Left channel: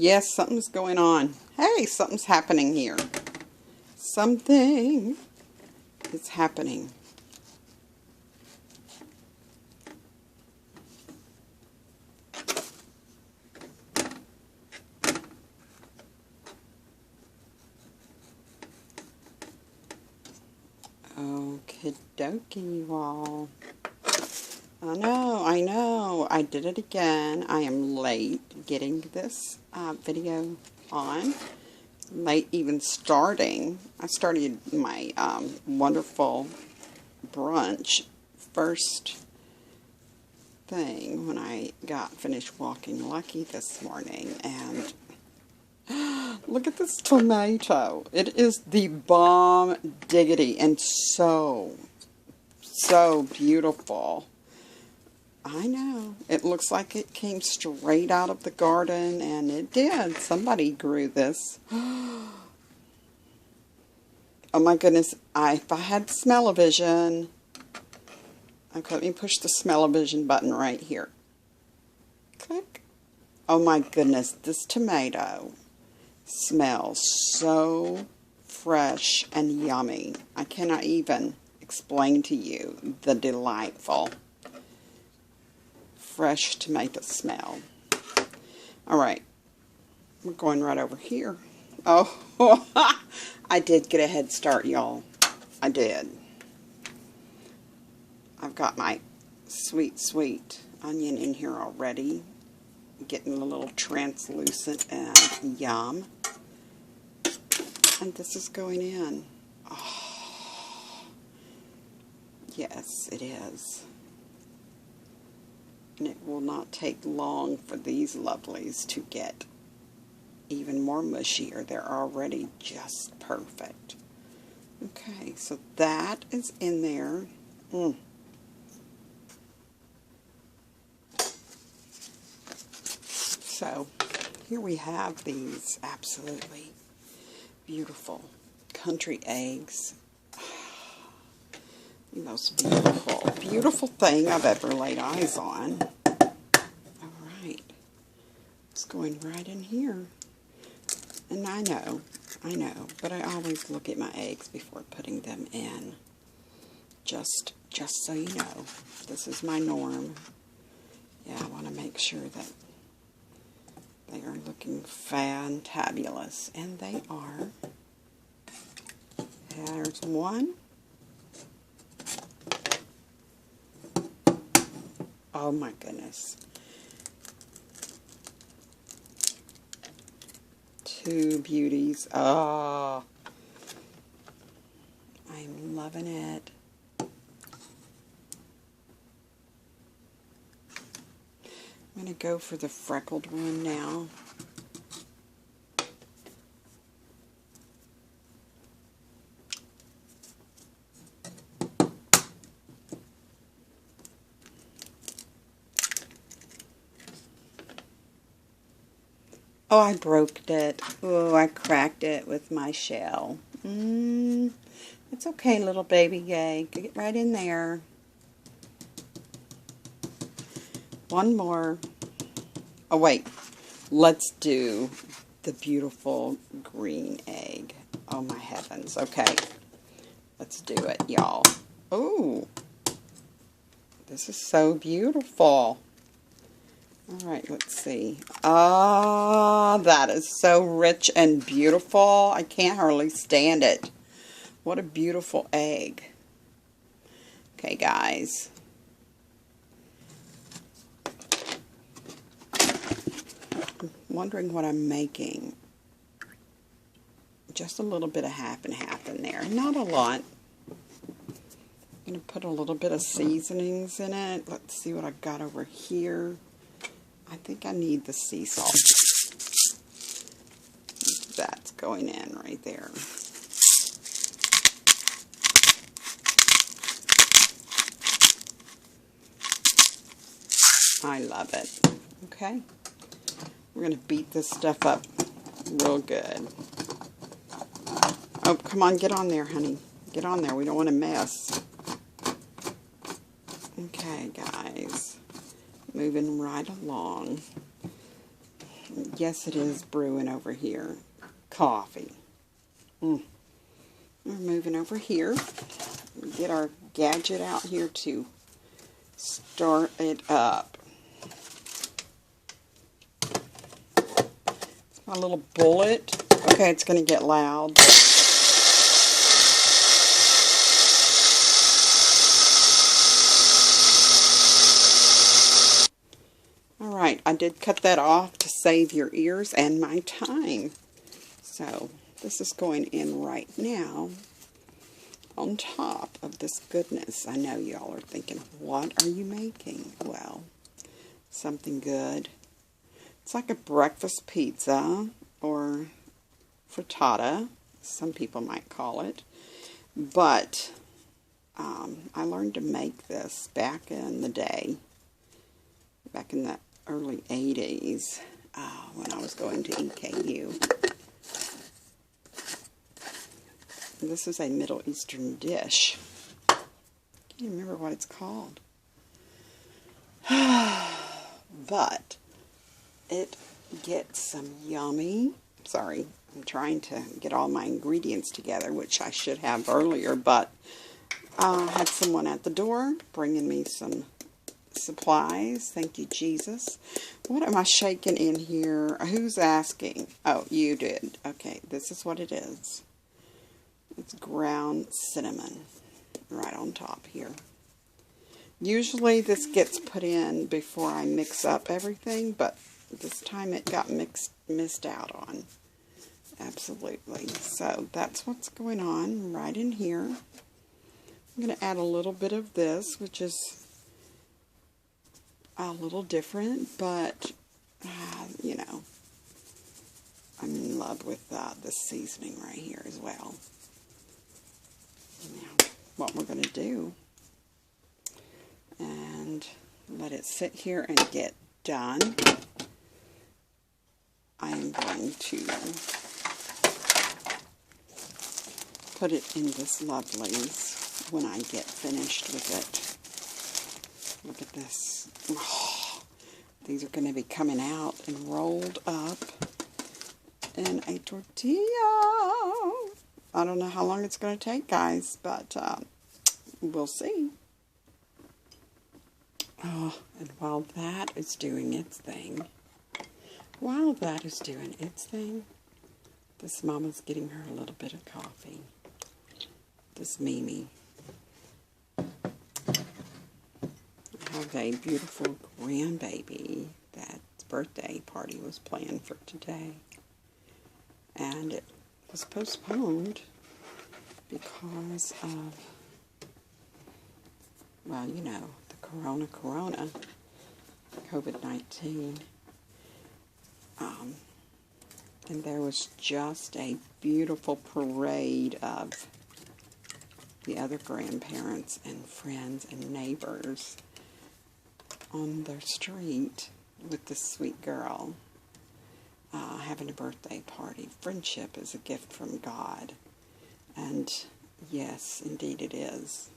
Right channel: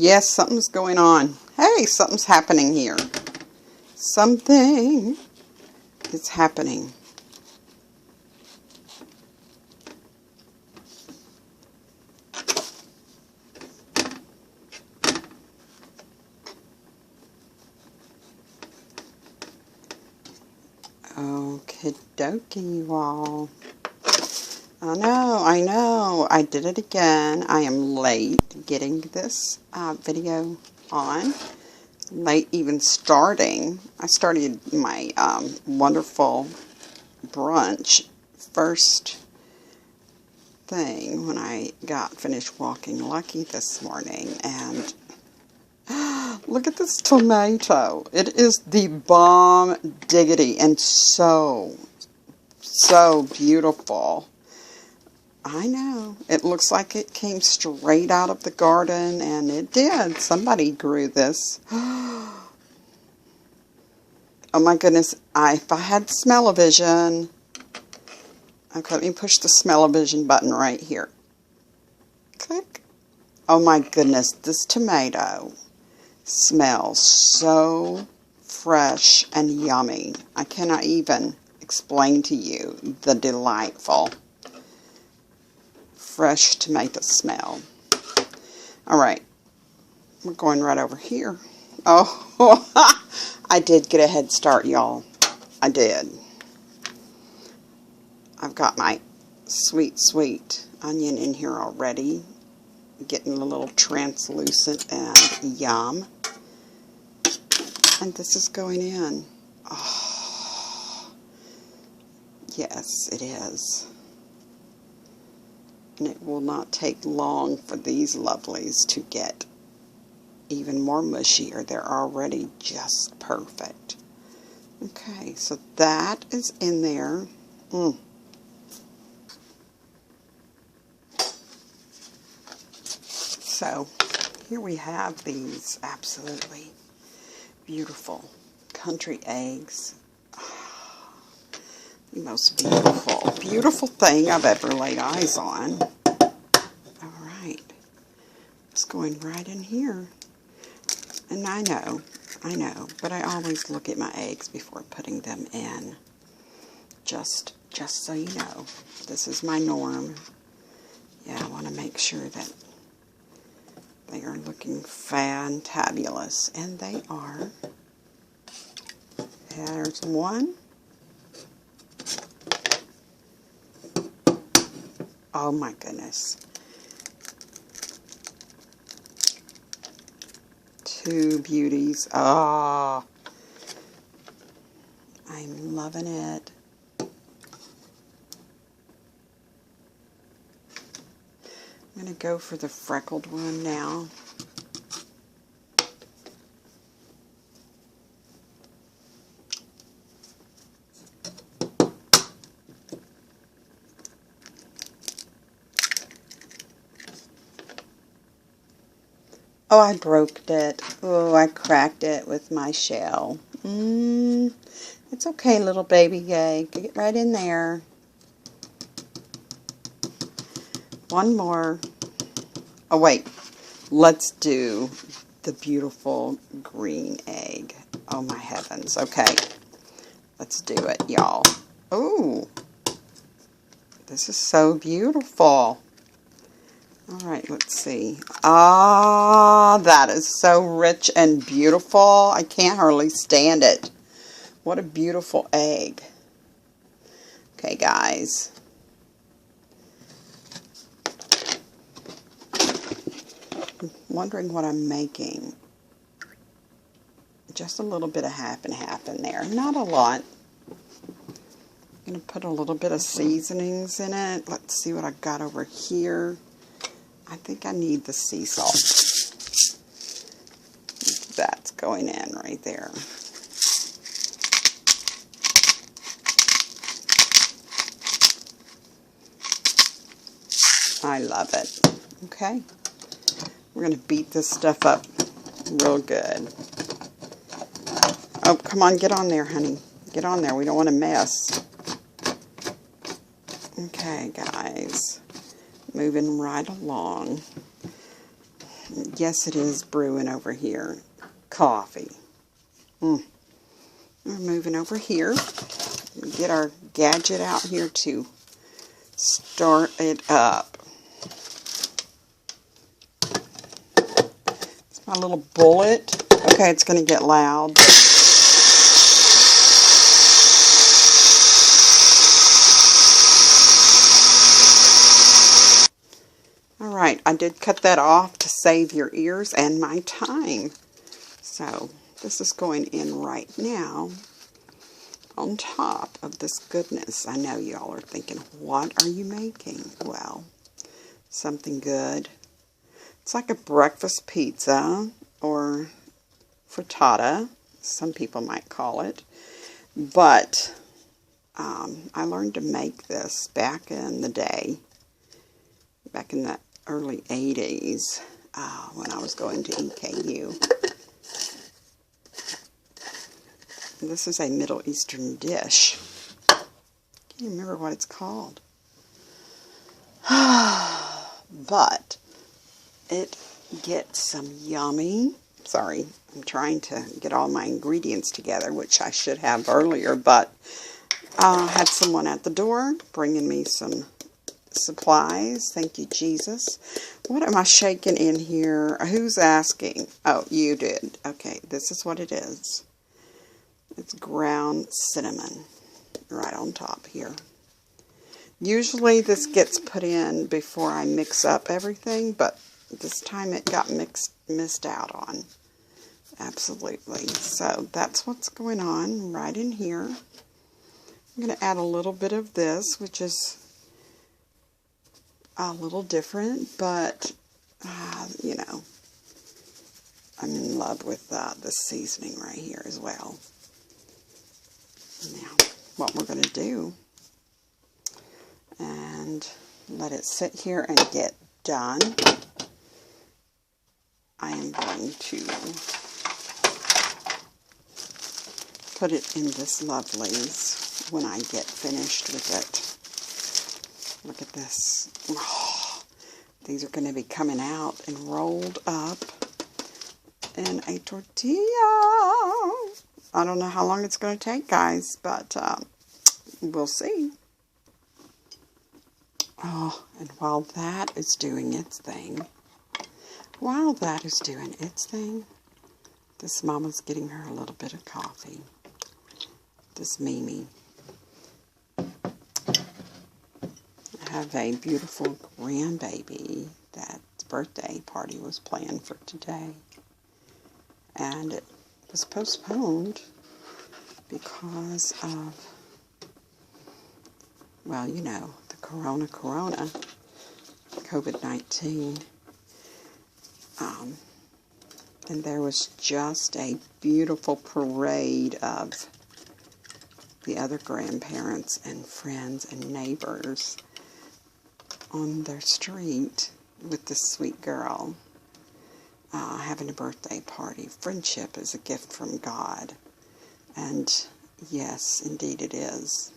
Yes, something's going on. Hey, something's happening here. Something is happening. Okie dokie, you all. I know. I did it again. I am late getting this video on. Late even starting. I started my wonderful brunch first thing when I got finished walking Lucky this morning, and look at this tomato. It is the bomb diggity and so beautiful. I know. It looks like it came straight out of the garden, and it did. Somebody grew this. Oh my goodness. If I had smell-o-vision. Okay, let me push the smell-o-vision button right here. Click. Oh my goodness. This tomato smells so fresh and yummy. I cannot even explain to you the delightful fresh tomato smell. Alright, we're going right over here. Oh, I did get a head start, y'all. I did. I've got my sweet onion in here already. Getting a little translucent and yum. And this is going in. Oh, yes, it is. And it will not take long for these lovelies to get even more mushier. They're already just perfect. Okay, so that is in there. So here we have these absolutely beautiful country eggs. The most beautiful thing I've ever laid eyes on. Alright, it's going right in here. And I know, but I always look at my eggs before putting them in. Just so you know, this is my norm. Yeah, I want to make sure that they are looking fantabulous, and they are. There's one. Oh my goodness. Two beauties. Oh, I'm loving it. I'm going to go for the freckled one now. Oh, I broke it. Oh, I cracked it with my shell. It's okay, little baby egg. Get right in there. One more. Oh, wait. Let's do the beautiful green egg. Oh, my heavens. Okay. Let's do it, y'all. Ooh. This is so beautiful. Alright, let's see. Ah, that is so rich and beautiful. I can't hardly stand it. What a beautiful egg. Okay, guys. I'm wondering what I'm making. Just a little bit of half and half in there. Not a lot. I'm going to put a little bit of seasonings in it. Let's see what I've got over here. I think I need the sea salt. That's going in right there. I love it. Okay. We're going to beat this stuff up real good. Oh, come on, get on there, honey. Get on there. We don't want to mess. Okay, guys. Moving right along. Yes, it is brewing over here. Coffee. We're moving over here. Get our gadget out here to start it up. It's my little bullet. Okay, it's going to get loud. Alright, I did cut that off to save your ears and my time. So, this is going in right now on top of this goodness. I know y'all are thinking, what are you making? Well, something good. It's like a breakfast pizza or frittata, some people might call it. But I learned to make this back in the day, back in the early 80s when I was going to EKU. This is a Middle Eastern dish. I can't remember what it's called. But it gets some yummy. Sorry, I'm trying to get all my ingredients together, which I should have earlier, but I had someone at the door bringing me some supplies. Thank you, Jesus. What am I shaking in here? Who's asking? Oh, you did. Okay, this is what it is. It's ground cinnamon right on top here. Usually this gets put in before I mix up everything, but this time it got missed out on. Absolutely. So that's what's going on right in here. I'm going to add a little bit of this, which is a little different, but you know, I'm in love with the seasoning right here as well. Now, what we're going to do, and let it sit here and get done, I am going to put it in this loveliness when I get finished with it. Look at this. Oh, these are going to be coming out and rolled up in a tortilla. I don't know how long it's going to take, guys, but we'll see. Oh, and while that is doing its thing, this mama's getting her a little bit of coffee. This Mimi. I have a beautiful grandbaby that's birthday party was planned for today. And it was postponed because of, well, you know, the corona, COVID-19. And there was just a beautiful parade of the other grandparents and friends and neighbors on their street with this sweet girl having a birthday party. Friendship is a gift from God. And yes, indeed it is.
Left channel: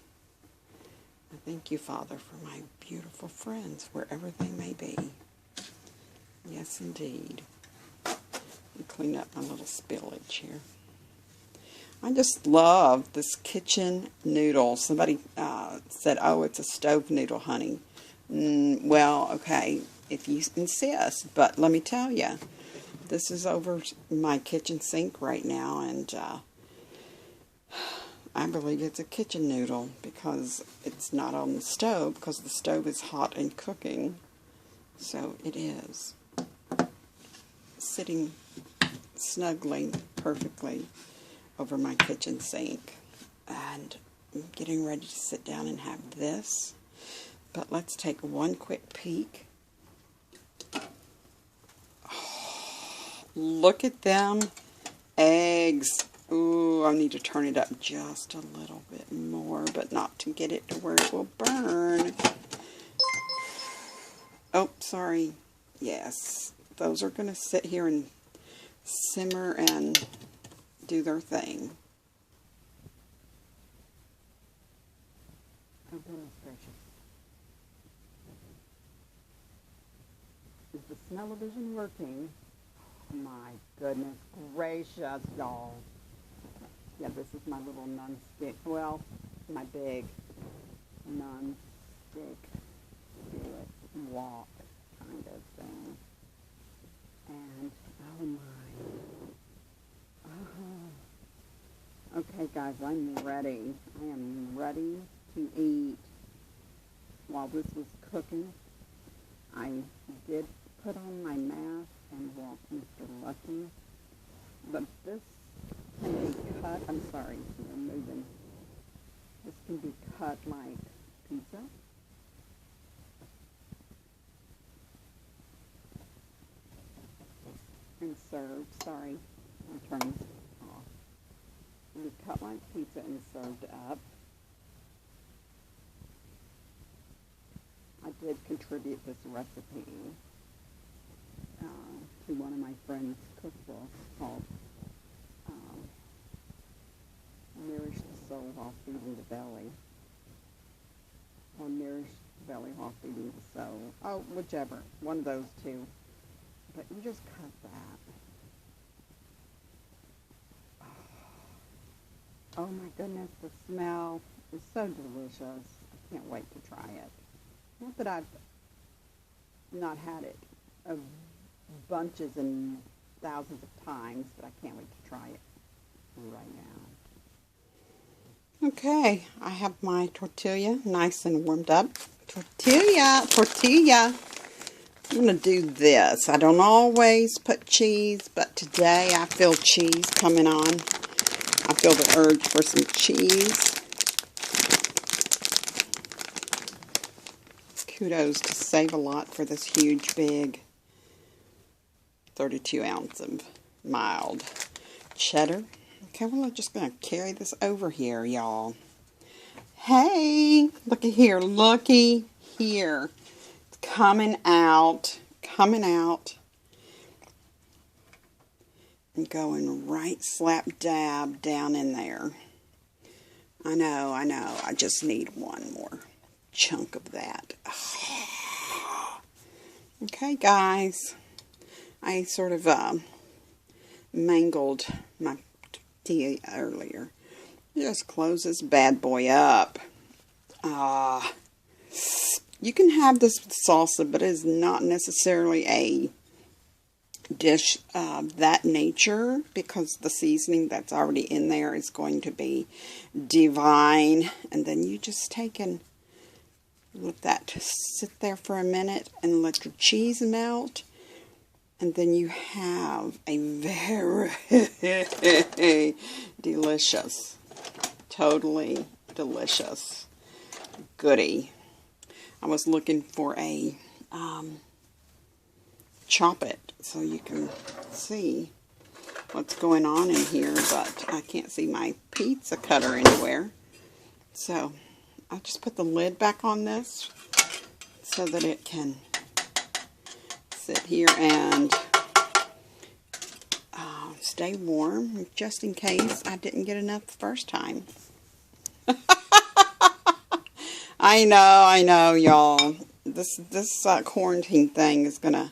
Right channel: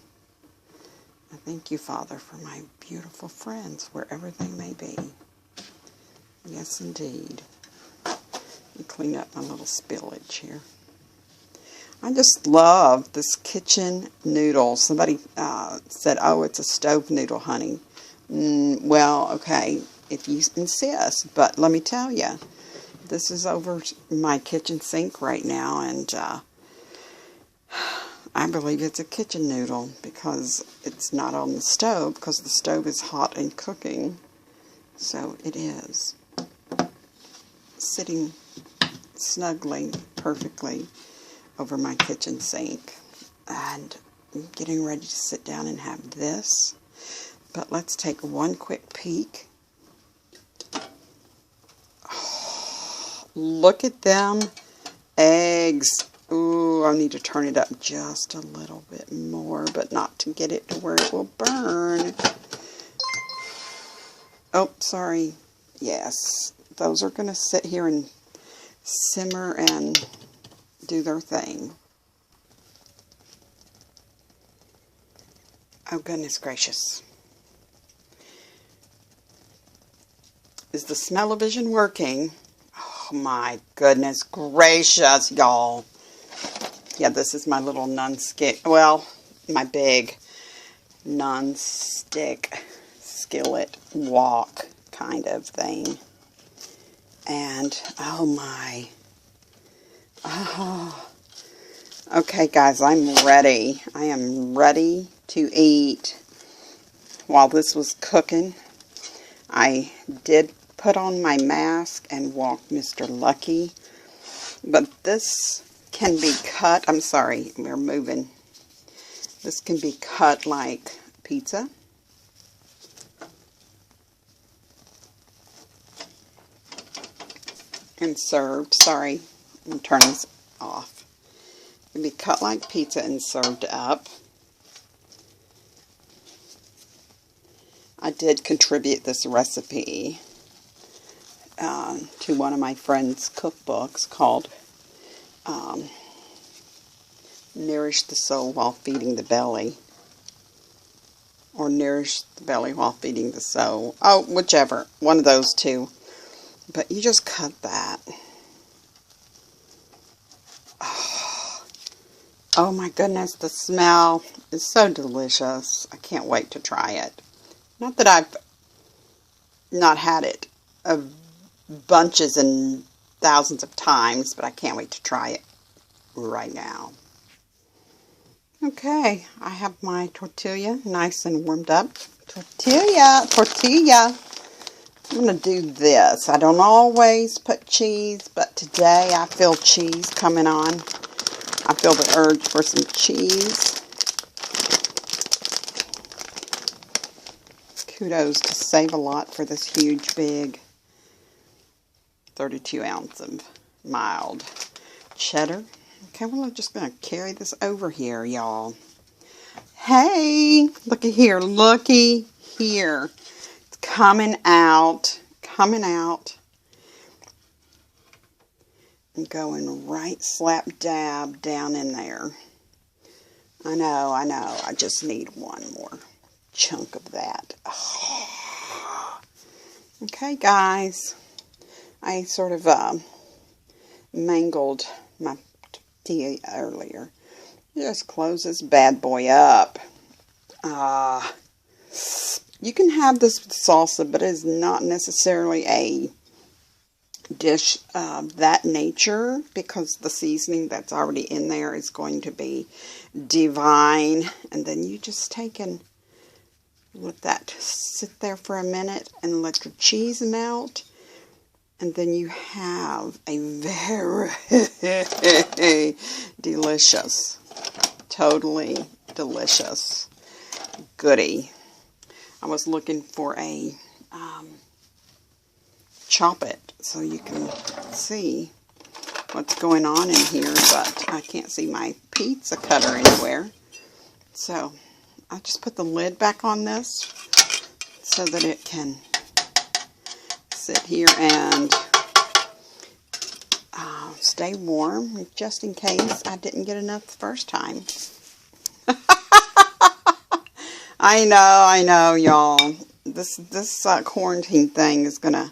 I thank you, Father, for my beautiful friends, wherever they may be. Yes, indeed. Clean up my little spillage here. I just love this kitchen noodle. Somebody said, oh, it's a stove noodle, honey. Well, okay, if you insist. But let me tell you, this is over my kitchen sink right now, and I believe it's a kitchen noodle because it's not on the stove, because the stove is hot and cooking. So it is sitting snugly, perfectly over my kitchen sink. And I'm getting ready to sit down and have this. But let's take one quick peek. Oh, look at them eggs. Ooh, I need to turn it up just a little bit more, but not to get it to where it will burn. Oh, sorry. Yes, those are going to sit here and simmer and do their thing. Oh, goodness gracious. Is the smell-o-vision working? my goodness gracious, y'all. Yeah, this is my little non-stick, well, my big non-stick skillet wok kind of thing. And, oh my. Oh. Okay, guys, I'm ready. I am ready to eat. While this was cooking, I did put on my mask and walk Mr. Lucky. But this can be cut. I'm sorry, we're moving. This can be cut like pizza. And served. Sorry, I'm going to turn this off. It can be cut like pizza and served up. I did contribute this recipe to one of my friend's cookbooks called Nourish the Soul While Feeding the Belly. Or Nourish the Belly While Feeding the Soul. Oh, whichever. One of those two. But you just cut that. Oh my goodness, the smell is so delicious. I can't wait to try it. Not that I've not had it bunches and thousands of times, but I can't wait to try it right now. Okay, I have my tortilla nice and warmed up. Tortilla. I'm going to do this. I don't always put cheese, but today I feel cheese coming on. I feel the urge for some cheese. Kudos to Save a Lot for this huge, big 32 ounce of mild cheddar. Okay, well, I'm just going to carry this over here, y'all. Hey, looky here, looky here. It's coming out, and going right slap dab down in there. I know, I just need one more chunk of that. Oh. Okay, guys, I sort of mangled my tortilla earlier. Just close this bad boy up. You can have this with salsa, but it's not necessarily a dish of that nature because the seasoning that's already in there is going to be divine. And then you just take and let that sit there for a minute and let your cheese melt. And then you have a very delicious, totally delicious goodie. I was looking for a chop it so you can see what's going on in here, but I can't see my pizza cutter anywhere. So I'll just put the lid back on this so that it can sit here and stay warm, just in case I didn't get enough the first time. I know, y'all. This quarantine thing is gonna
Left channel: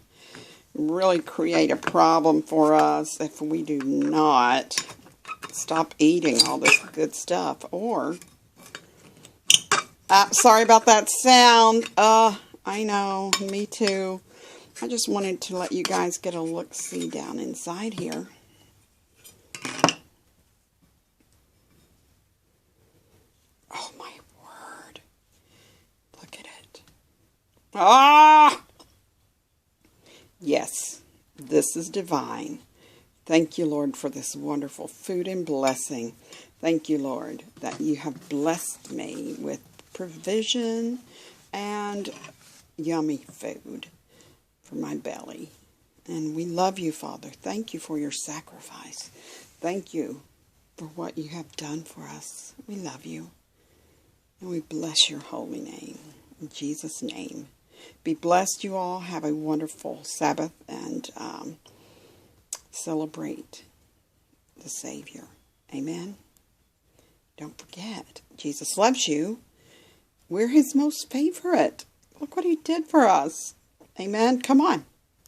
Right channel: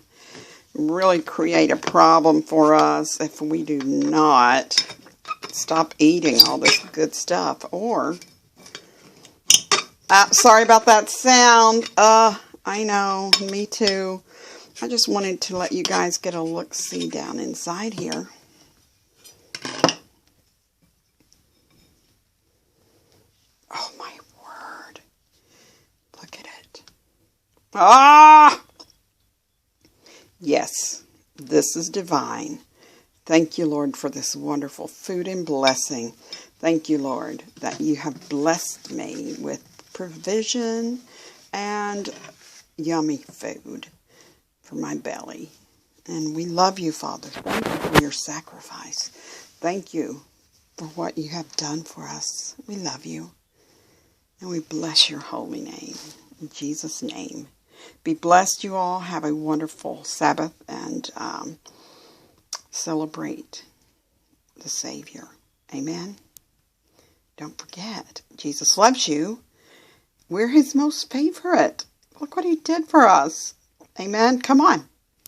really create a problem for us if we do not stop eating all this good stuff. Or, sorry about that sound. I know, me too. I just wanted to let you guys get a look-see down inside here. Oh my word. Look at it. Ah! Yes, this is divine. Thank you, Lord, for this wonderful food and blessing. Thank you, Lord, that you have blessed me with provision and yummy food for my belly. And we love you, Father. Thank you for your sacrifice. Thank you for what you have done for us. We love you. And we bless your holy name. In Jesus' name. Be blessed, you all. Have a wonderful Sabbath and celebrate the Savior. Amen. Don't forget, Jesus loves you. We're his most favorite. Look what he did for us. Amen. Come on.